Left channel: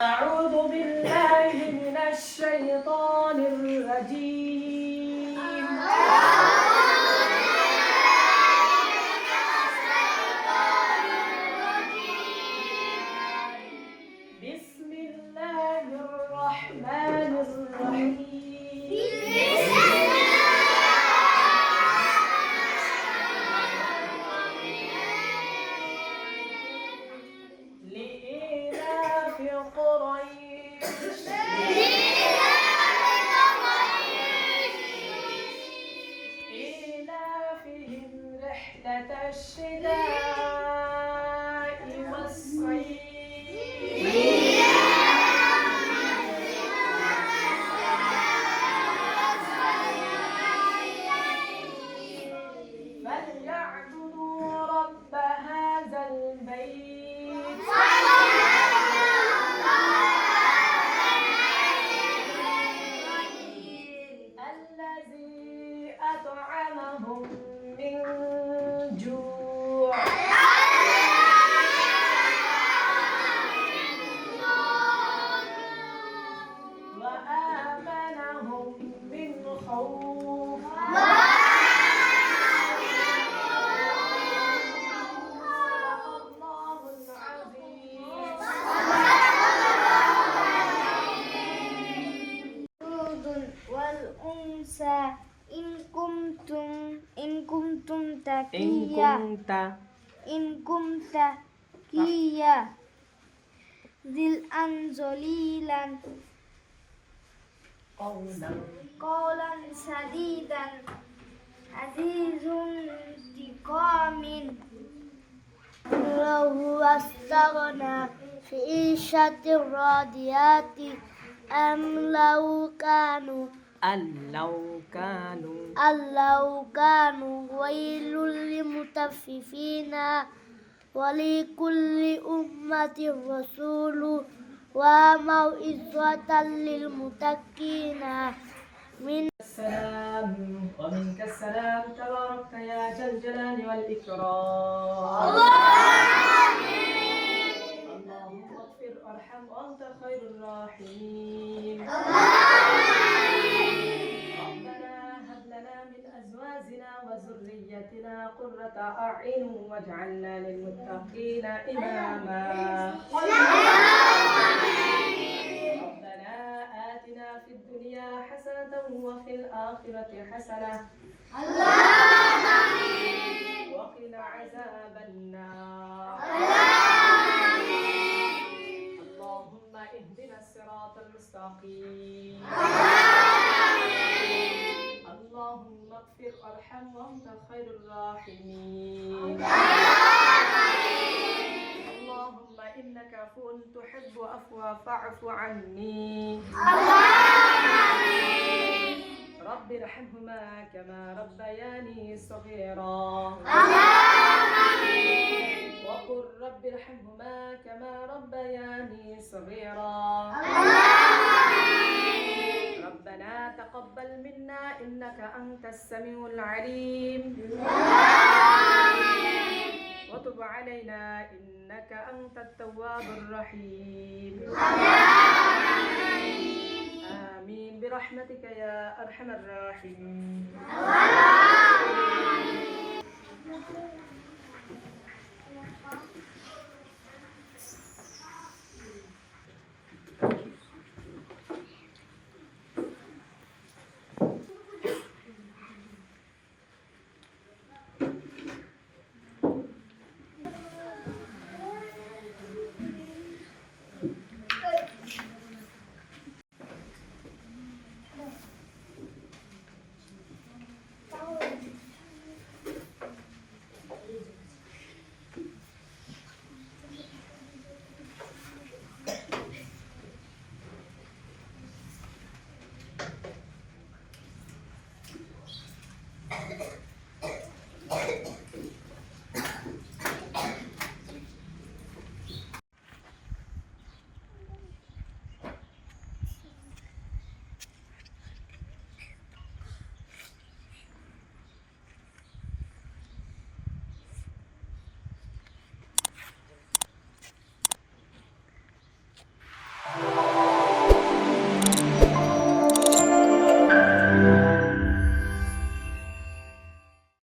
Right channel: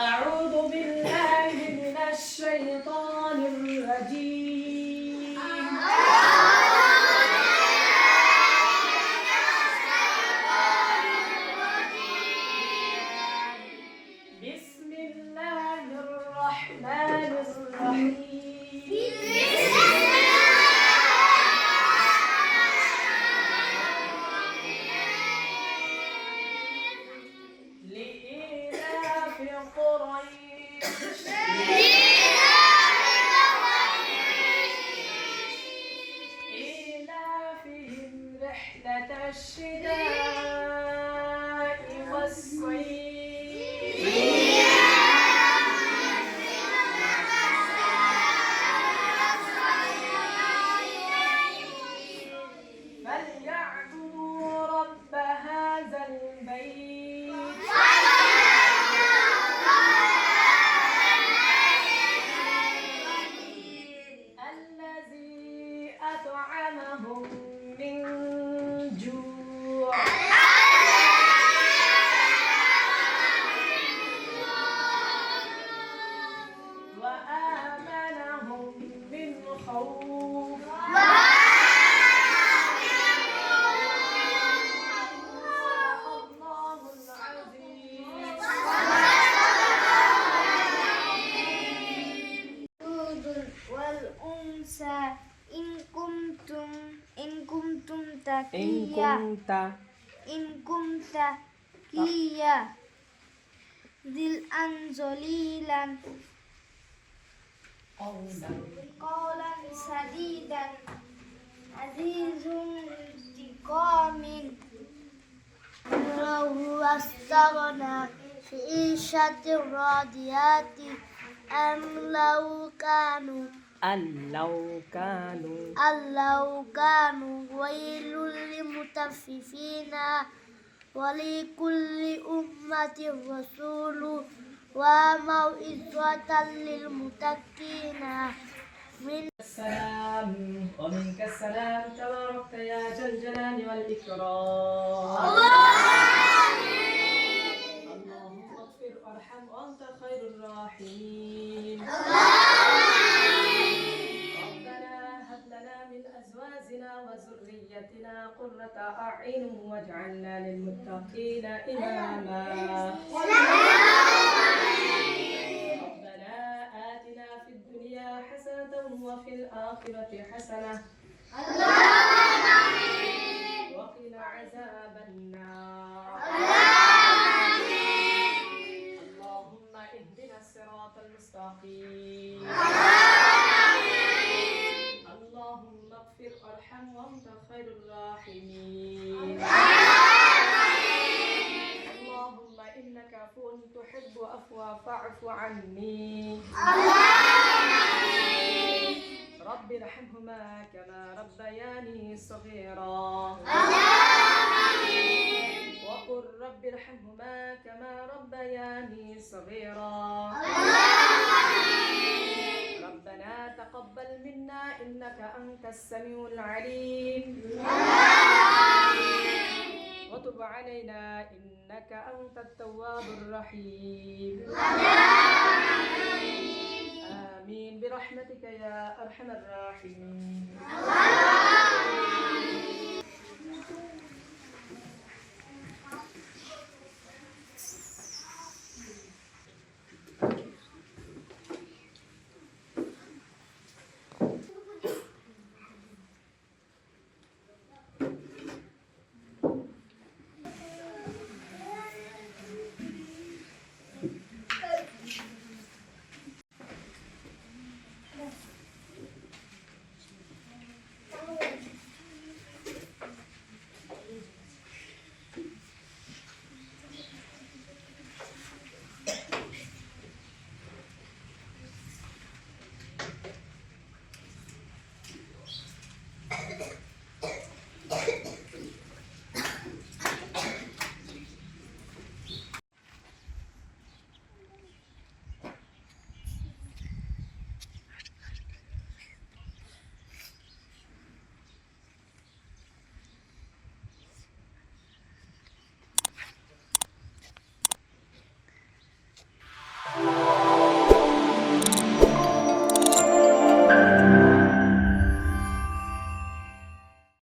أعوذ بالله من الشيطان الرجيم. بسم الله الرحمن الرحيم. لإيلاف قريش إيلافهم رحلة الشتاء والصيف فليعبدوا رب هذا البيت الذي أطعمهم من جوع وآمنهم من خوف. صدق الله العظيم. والأنثى إن كنتم تقيا ذلءا ذليلا قولا سديدا عزيز انتقام لو استغنى في عيشة راضيات أم لو كانوا ويل للمطففين ولكل أمة رسول وموعظة للمتقين السلام ومنك السلام تباركت يا ذا الجلال والإكرام. اللهم اغفر وارحم وأنت خير الراحمين. ربنا هب لنا من أزواجنا وذريتنا قرة أعين واجعلنا للمتقين إماما. ربنا آتنا في الدنيا حسنة وفي الآخرة حسنة وقنا عذاب النار. اللهم اهدنا الصراط المستقيم. اللهم اغفر وارحم وأنت خير الراحمين. اللهم إنك عفو تحب عفوا فاعف عني. رب ارحمهما كما ربياني صغيرا. وقل رب ارحمهما كما ربياني صغيرا. ربنا تقبل منا إنك أنت السميع العليم. وتب علينا إنك أنت التواب الرحيم. آمين برحمتك يا أرحم الراحمين.